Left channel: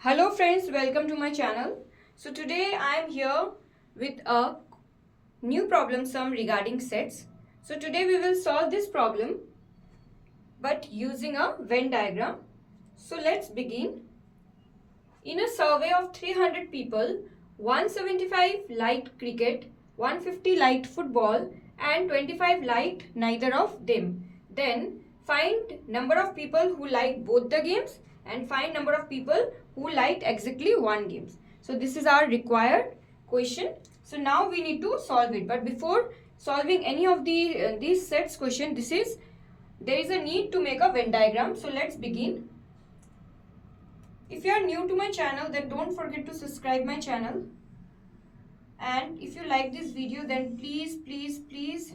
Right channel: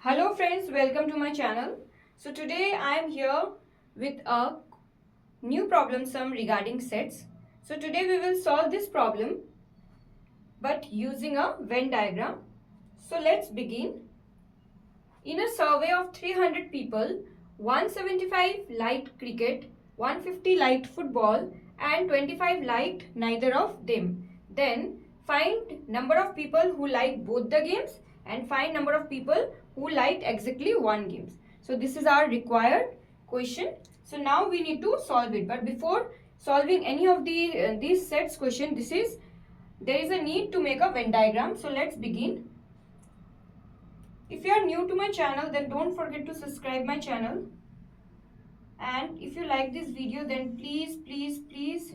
Hello friends, welcome to my channel. So today I am here with a new problem sum regarding sets. So today we will solve this problem but using a Venn diagram. So let's begin. In a survey of 300 people, 175 liked cricket, 150 liked football and 25 liked neither of them. Then find number of people who liked both the games and find number of people who liked exactly one game. So this is our required question. So now we need to solve it. But before solving any of these sets question, there is a need to make a Venn diagram. So let's begin. If you are new to my channel, then don't forget to subscribe my channel. And if you like this video, then please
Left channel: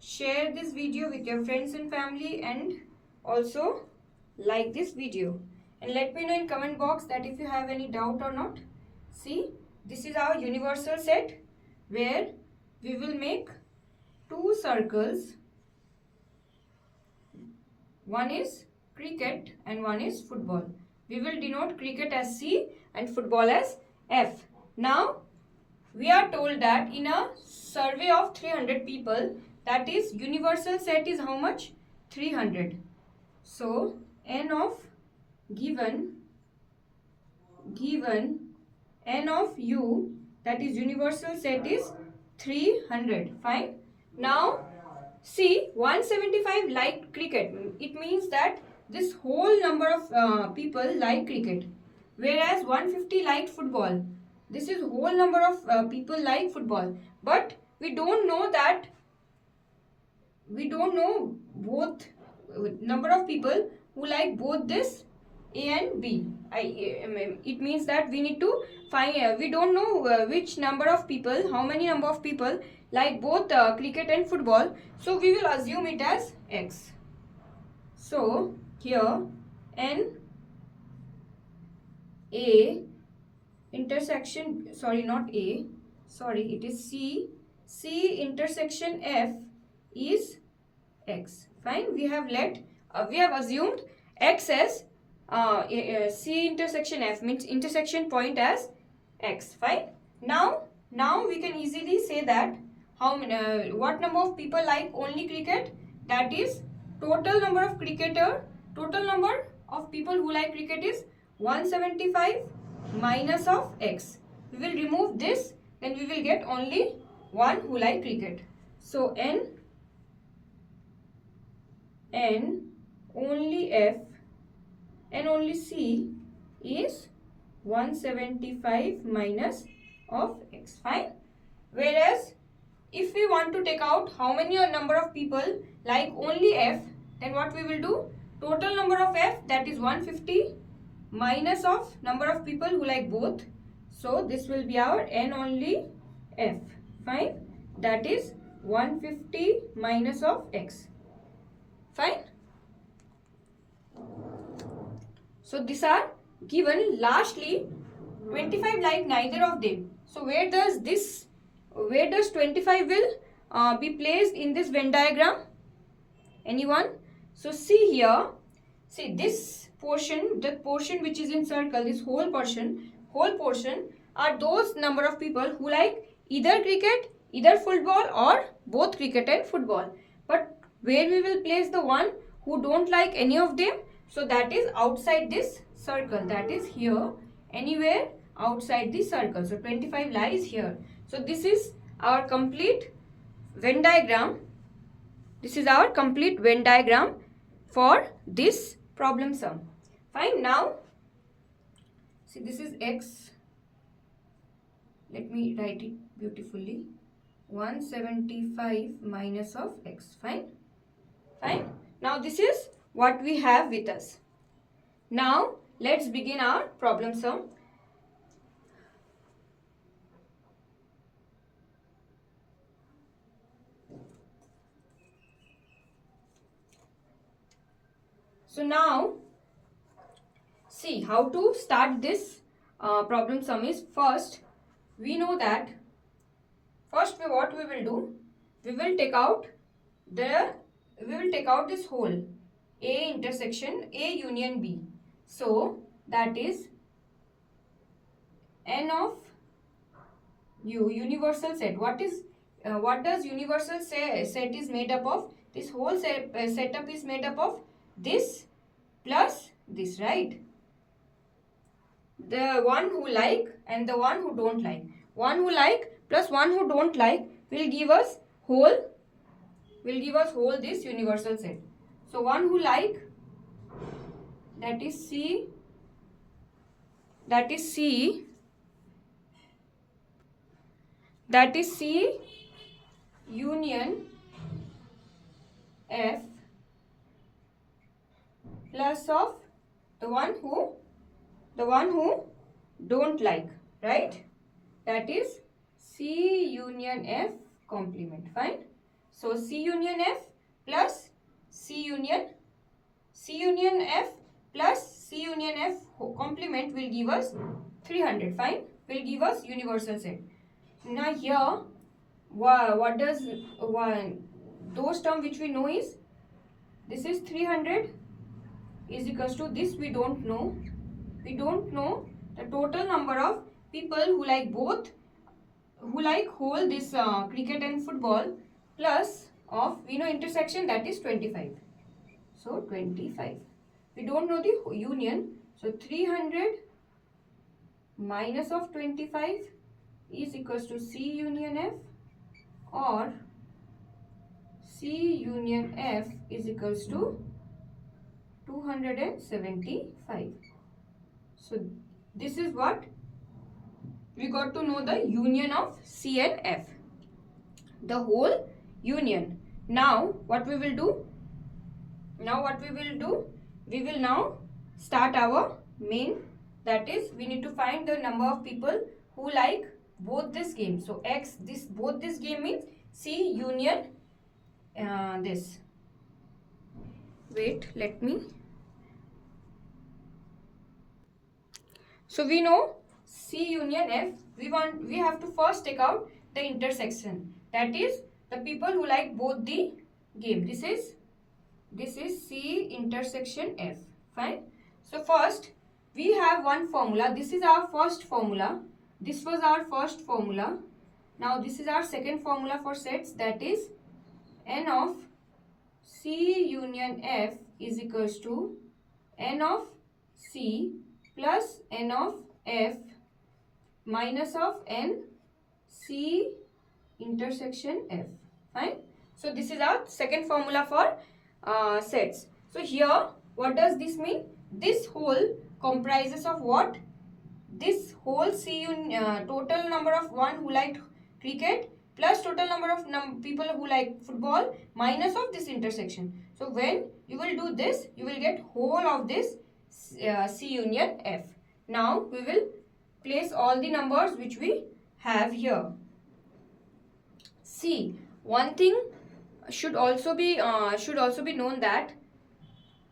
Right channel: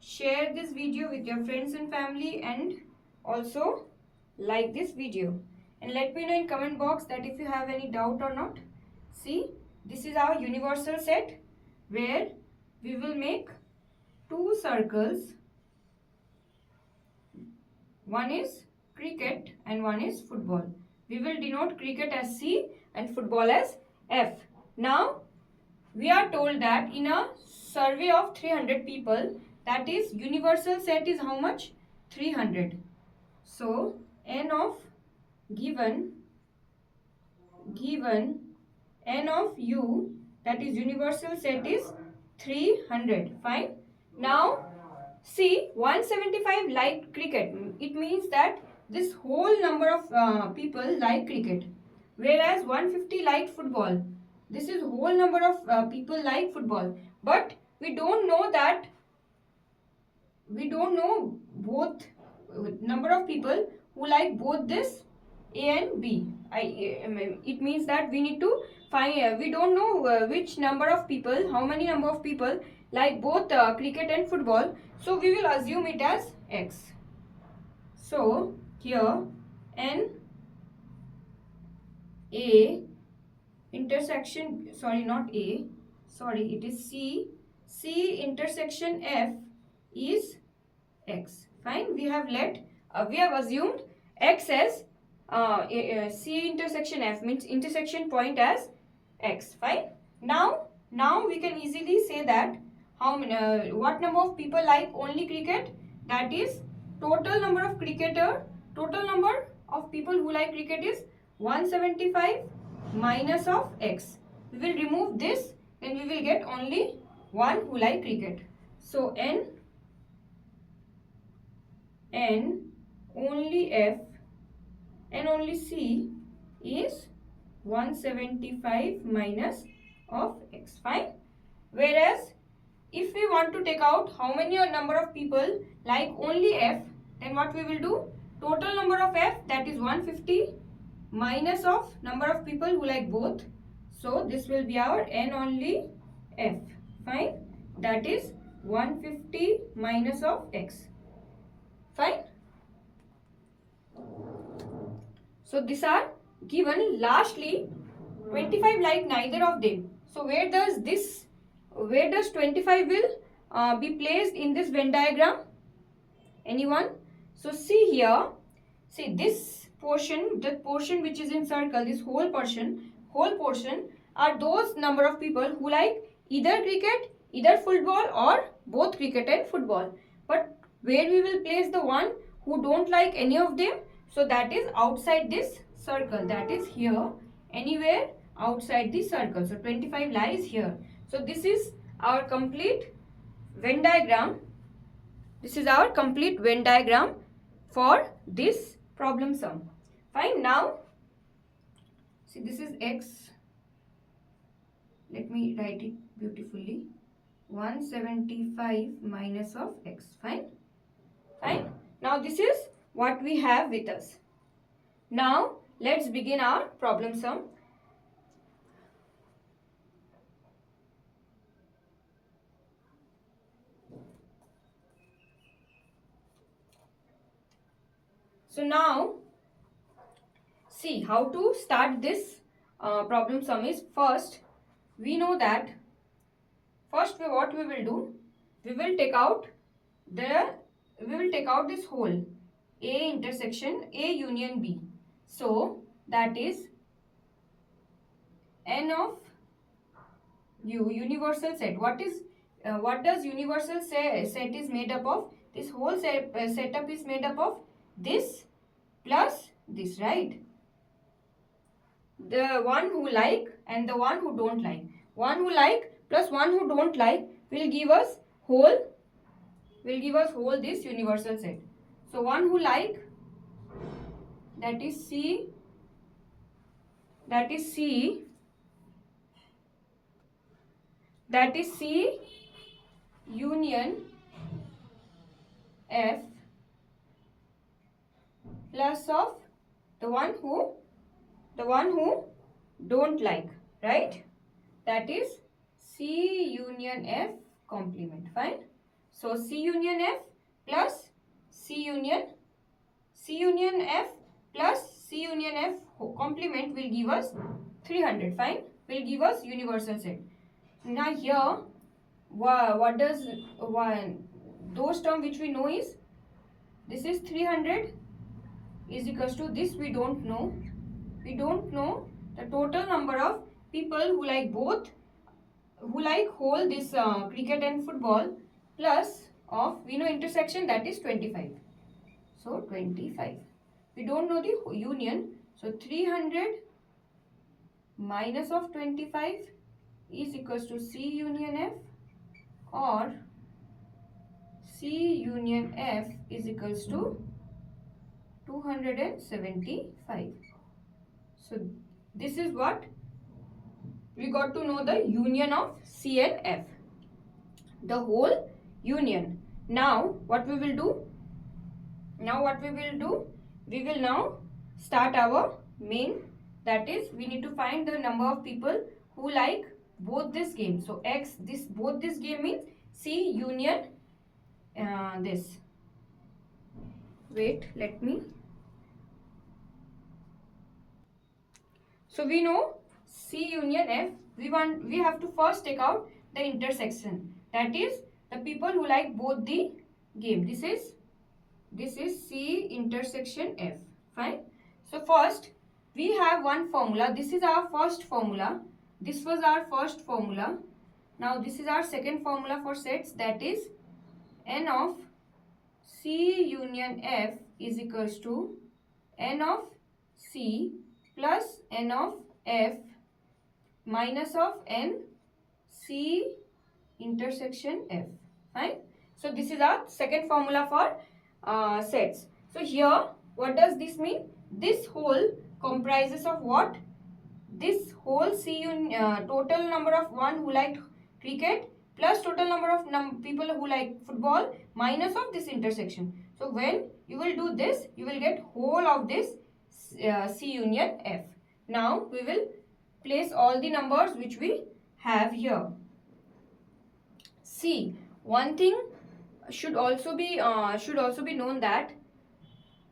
share this video with your friends and family and also like this video. And let me know in comment box that if you have any doubt or not. See, this is our universal set where we will make two circles. One is cricket and one is football. We will denote cricket as C and football as F. Now, we are told that in a survey of 300 people, that is universal set is how much? 300. So, n of given n of u, that is universal set is 300. Fine. Now, see, 175 liked cricket. It means that this whole number of people like cricket. Whereas 150 liked football. This is whole number of people like football. But we don't know both number of people who like both this A and B. It means that we need to find, we don't know which number of people, how many number of people like both cricket and football. So we will assume it as X. So here N A intersection, sorry, not A, sorry, it is C intersection F is X. Fine, we have assumed X as C intersection F, means intersection point as X. Fine. Now we can easily say that what number of people like only cricket, that is total number of people who like cricket is 175 minus of X. We will remove this, then we will get only one who like cricket. So N only F and only C is 175 minus of X. Fine. Whereas if we want to take out how many number of people like only F, then what we will do? Total number of F, that is 150 minus of number of people who like both. So this will be our N only F. Fine. That is 150 minus of X. Fine. So these are given. Lastly, 25 like neither of them. So where does 25 will be placed in this Venn diagram? Anyone? So see here, see this portion, the portion which is in circle, this whole portion are those number of people who like either cricket, either football or both cricket and football. But where we will place the one who don't like any of them? So that is outside this circle, that is here, anywhere outside the circle. So 25 lies here. So this is our complete Venn diagram. This is our complete Venn diagram for this problem sum. Fine. Now, see, this is X. Let me write it beautifully. 175 minus of X. Fine. Fine. Now, this is what we have with us. Now, let's begin our problem sum. So now, see how to start this problem sum is first, we know that what we will do, we will take out this whole A intersection A union B. So that is n of universal set. What does universal set is made up of? This whole setup is made up of this plus this, right? The one who like and the one who don't like. One who like plus one who don't like will give us whole this universal set. So one who like, that is C union F plus of the one who don't like, right? That is C union F complement. Fine. So C union F plus C union F plus C union F complement will give us 300. Fine. Will give us universal set. Now here, what does those term which we know is, this is 300 is equals to this, we don't know the total number of people who like both, who like whole this cricket and football, plus of, we know intersection, that is 25. So 25. We don't know the union. So 300 minus of 25 is equals to C union F, or C union F is equals to 275. So this is what we got to know, the union of C and F, the whole union. Now what we will do? We will now start our main, that is we need to find the number of people who like both this game. So X, both this game means C union this. Wait, let me. So we know C union F, we have to first take out the intersection, that is the people who like both the game. This is C intersection F. Fine. So first we have one formula. This is our first formula. This was our first formula. Now this is our second formula for sets, that is n of C union F is equals to n of C plus n of F minus of n C intersection F. Fine. So this is our second formula for sets. So here, what does this mean? This whole comprises of what? This whole total number of one who liked cricket plus total number of people who like football minus of this intersection. So when you will do this, you will get whole of this C union F. Now we will place all the numbers which we have here. See, one thing should also be known, that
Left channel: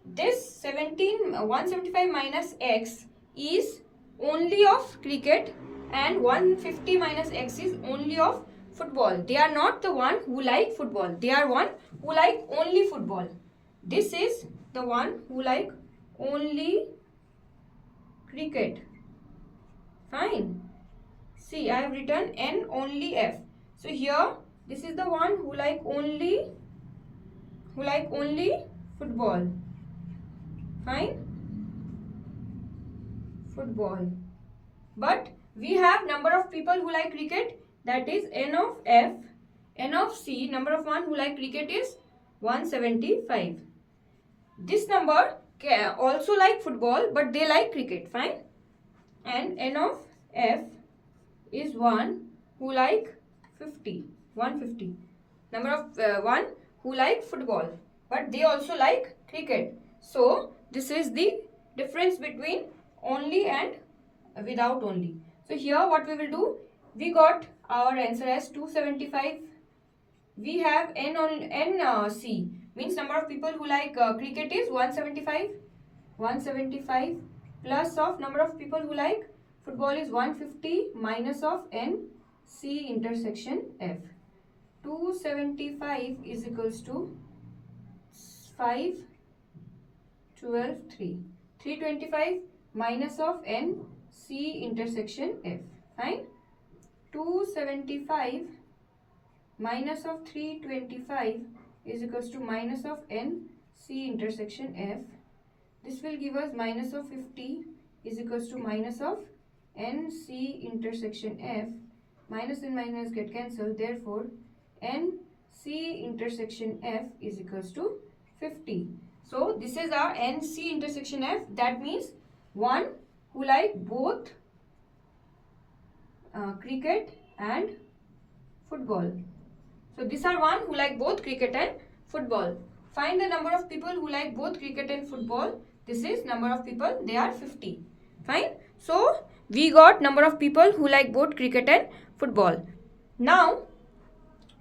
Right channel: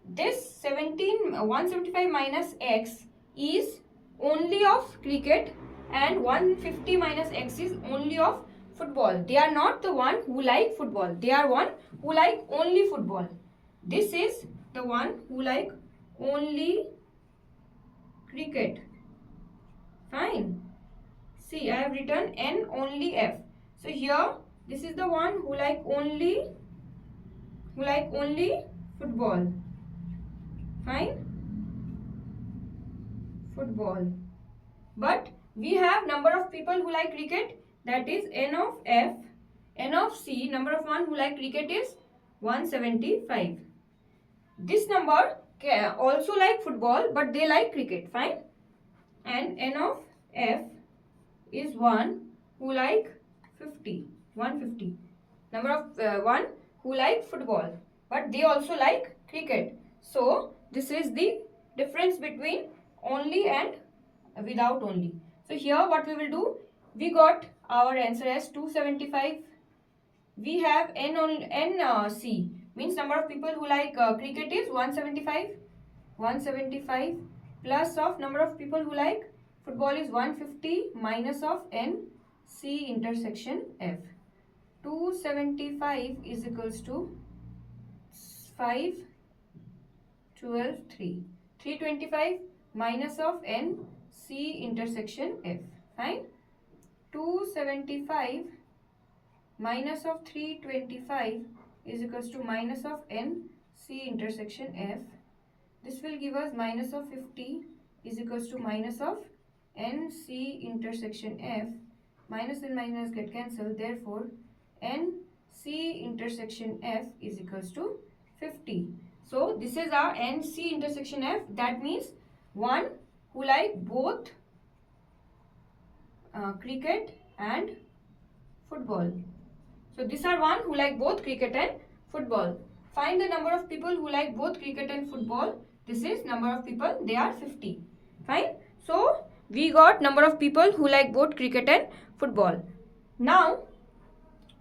this 175 minus X is only of cricket and 150 minus X is only of football. They are not the one who like football. They are one who like only football. This is the one who like only cricket. Fine. See, I have written N only F. So here, this is the one who like only football. Fine. Football. But we have number of people who like cricket, that is N of F. N of C, number of one who like cricket is 175. This number can also like football, but they like cricket. Fine. And N of F is one who like 150. Number of one who like football, but they also like cricket. So this is the difference between only and without only. So here what we will do, we got our answer as 275. We have C means number of people who like cricket is 175. 175 plus of number of people who like football is 150 minus of N C intersection F. 275 is equals to 5, 12, 3. 325 minus of N C intersection F. Fine. 275 minus of 325 is equals to minus of N C intersection F. This will give us minus of 50 is equals to minus of N C intersection F. Minus and minus get cancelled. Therefore, N C intersection F is equals to 50. So, this is our N C intersection F. That means one who like both cricket and football. So, these are one who like both cricket and football. Find the number of people who like both cricket and football. This is number of people. They are 50. Fine. So, we got number of people who like both cricket and football. Now,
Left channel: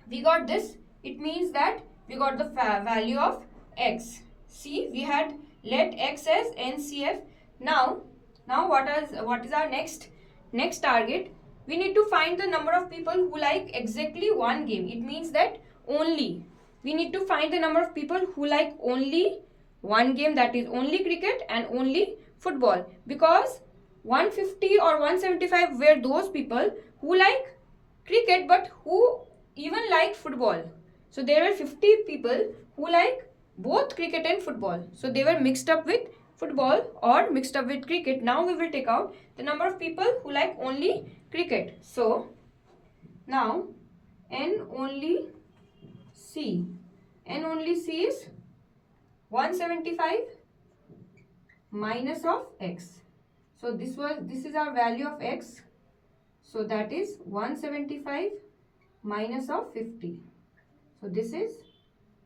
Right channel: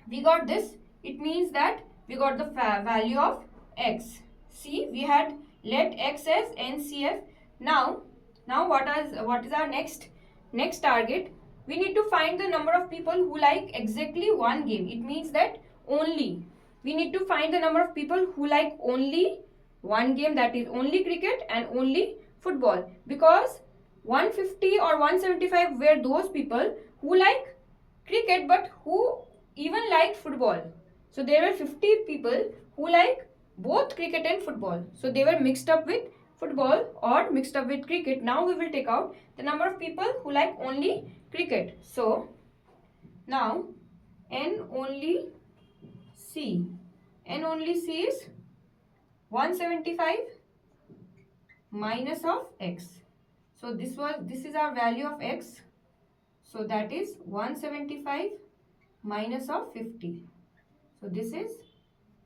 we got this. It means that we got the value of x. See, we had let x as NCF. Now what is our next target? We need to find the number of people who like exactly one game. It means that only we need to find the number of people who like only one game, that is only cricket and only football, because 150 or 175 were those people who like cricket but who even like football. So there were 50 people who like both cricket and football. So they were mixed up with football or mixed up with cricket. Now we will take out the number of people who like only cricket. So now N only C. N only C is 175 minus of x. So this is our value of x. So that is 175 minus of 50. So this is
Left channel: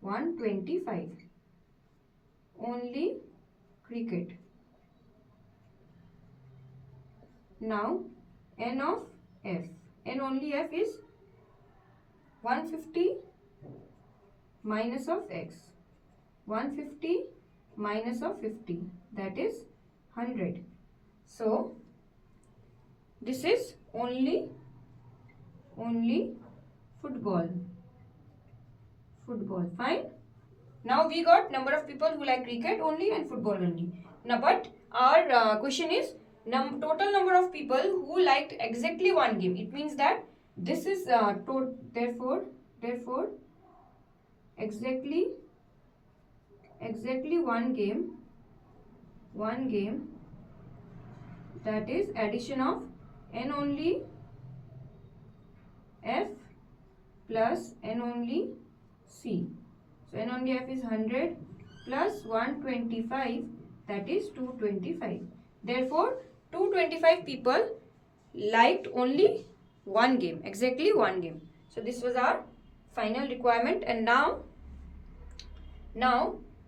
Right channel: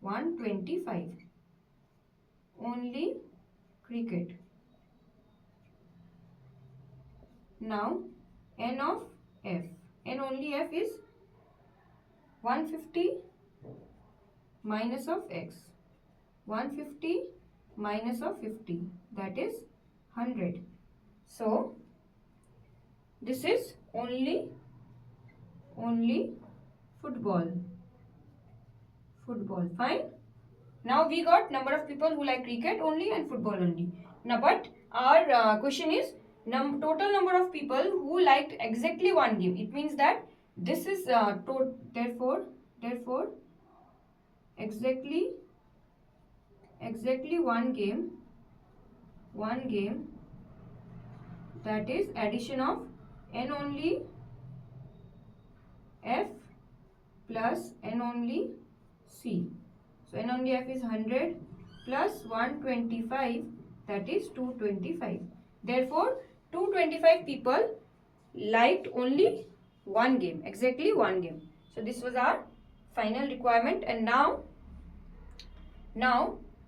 125. Only cricket. Now N of F. N only F is 150 minus of x. 150 minus of 50. That is 100. So this is only football. Fine. Now we got number of people who like cricket only and football only. Now, but our question is total number of people who liked exactly one game. It means that this is therefore exactly one game, that is addition of N only F plus N only C. So N only F is 100 plus 125, that is 225. Therefore 225 people liked only one game, exactly one game. So this was our final requirement. And now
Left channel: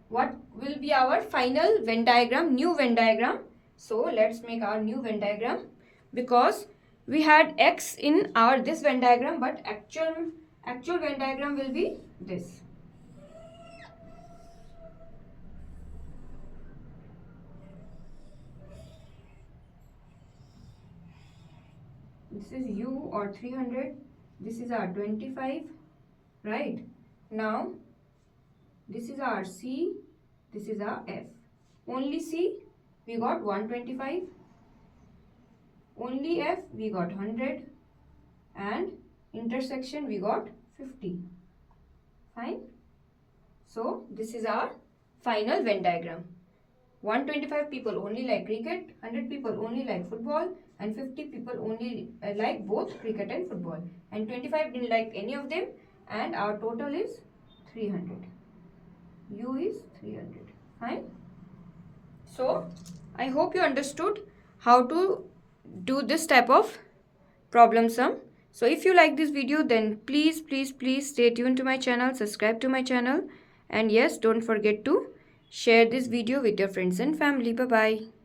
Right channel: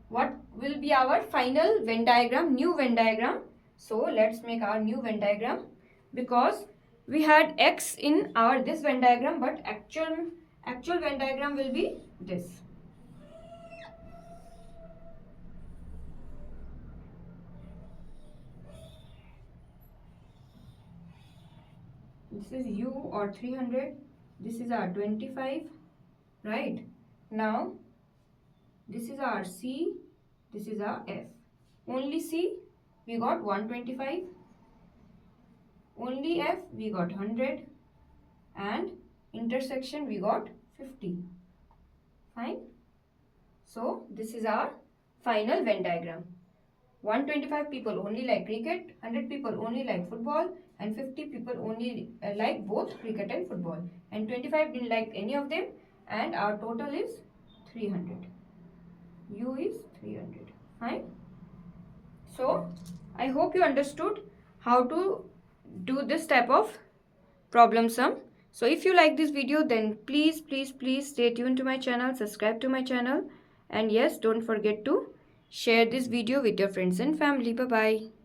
what will be our final Venn diagram, new Venn diagram? So let's make our new Venn diagram, because we had x in our this Venn diagram, but actual Venn diagram will be this. This is U or 300. This is our 25, right? Now this is our C, this is our F. Only C we got 125, only F we got 100, and intersection we got 50. Fine. So this is our final Venn diagram. 125 people only like cricket, 100 people only like football, and 50 people only like both cricket and football, and 25 didn't like any of them, and our total is 300. U is 300. Fine. So I hope you understood how to do this type of problem sum. So if you like this video, then please stay tuned to my channel, subscribe to my channel, and yes, don't forget to share this video with your friends and family. Bye bye.